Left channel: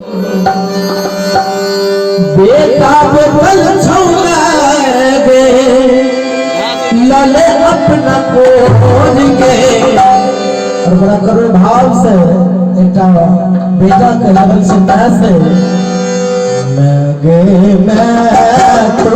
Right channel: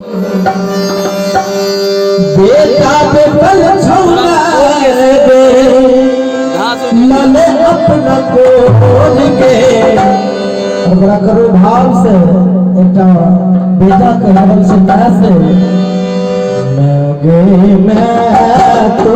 बेटा बेपल छौला दे लले अपना कोर के और बड़ा करो भाव से एक बेटा के लगन से मैसे लगे मैं तो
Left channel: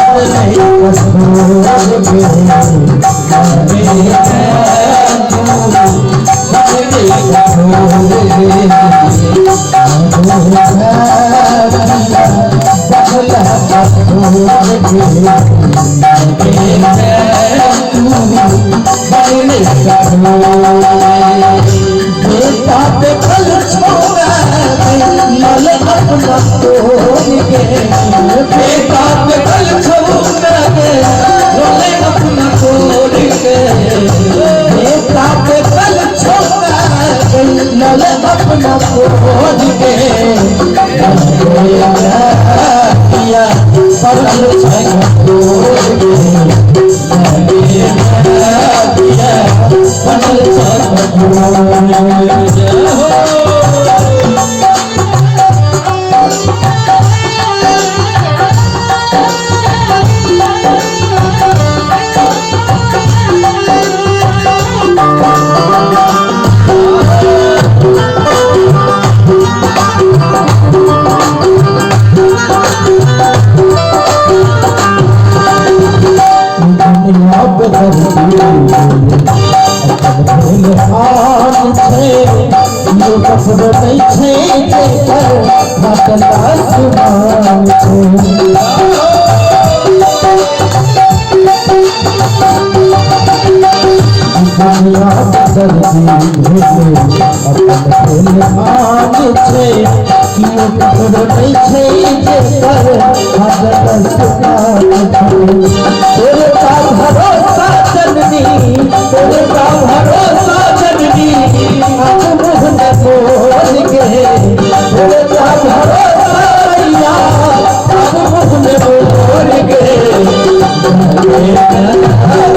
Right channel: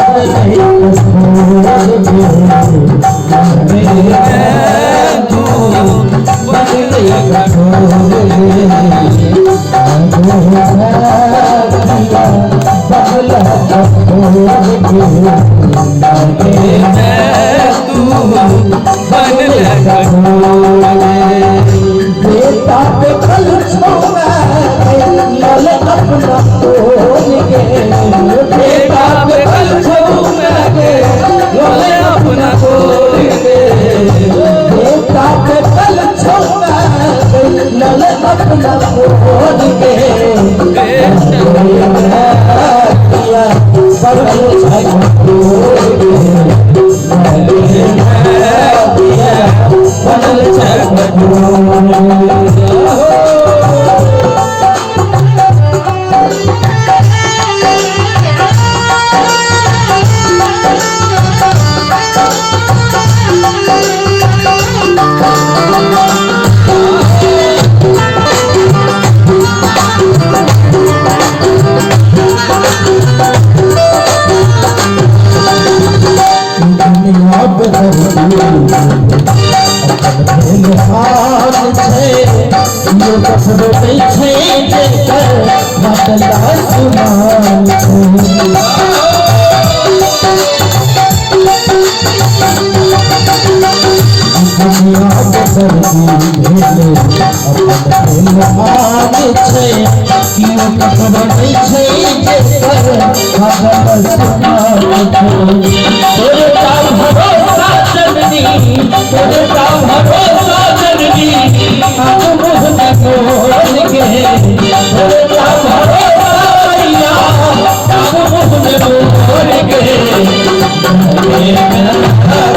बदले छोड़ के लगे मैं तो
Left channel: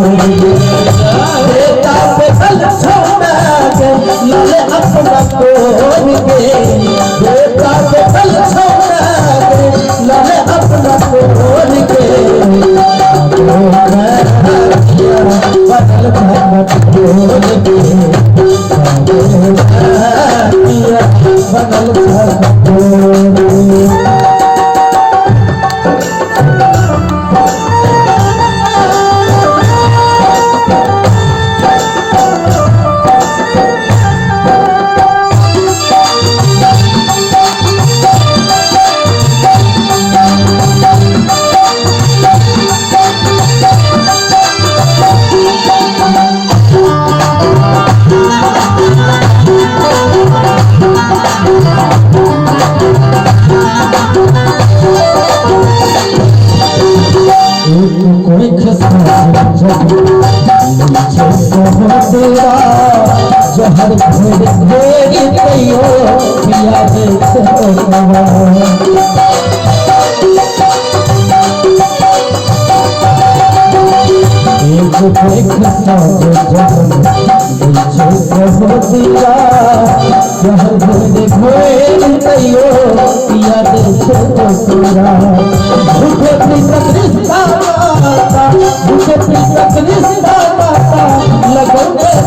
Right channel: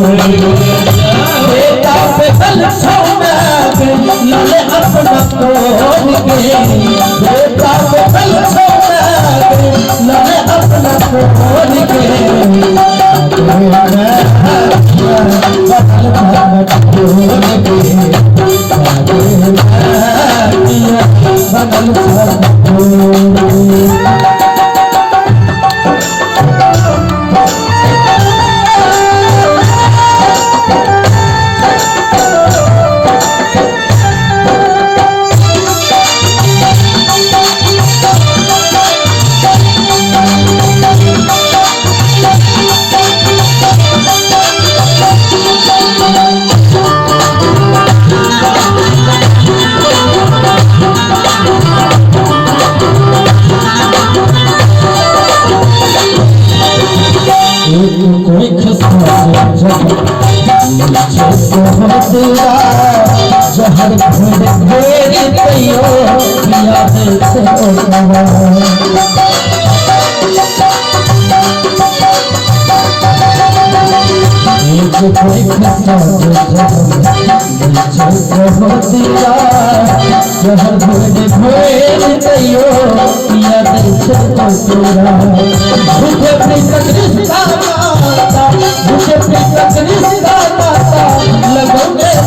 बदले छोड़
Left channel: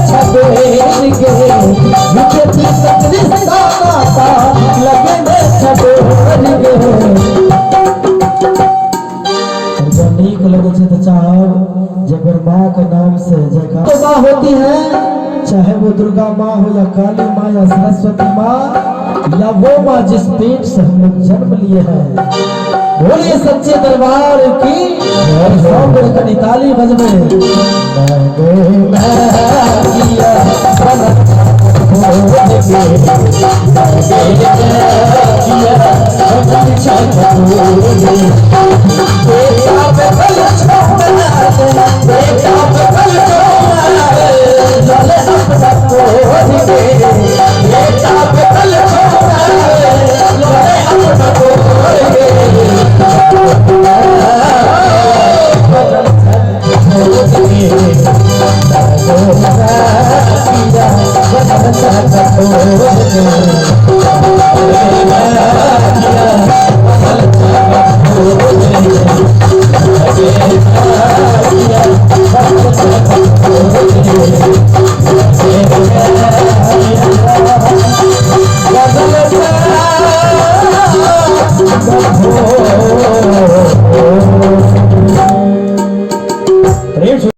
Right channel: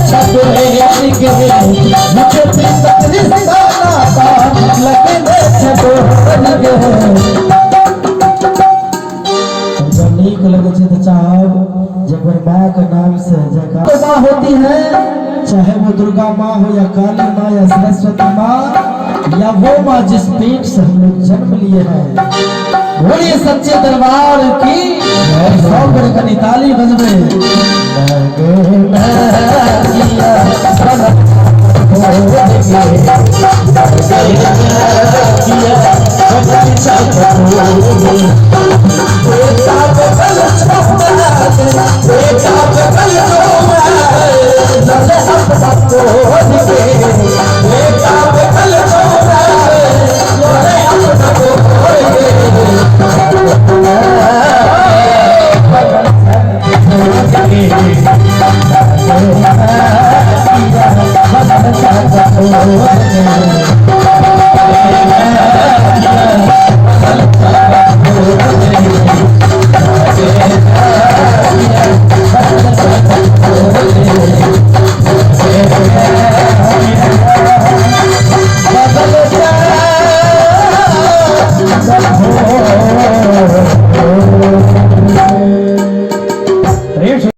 होती है, चाहे वो दुर्गा माँ हो या काली माँ या सरस्वती माँ या वो माँ जिस पेट से हम लोग जन्म लिए हैं। बोलिए सच्चे दरबार की और ताली बजवे। जब हो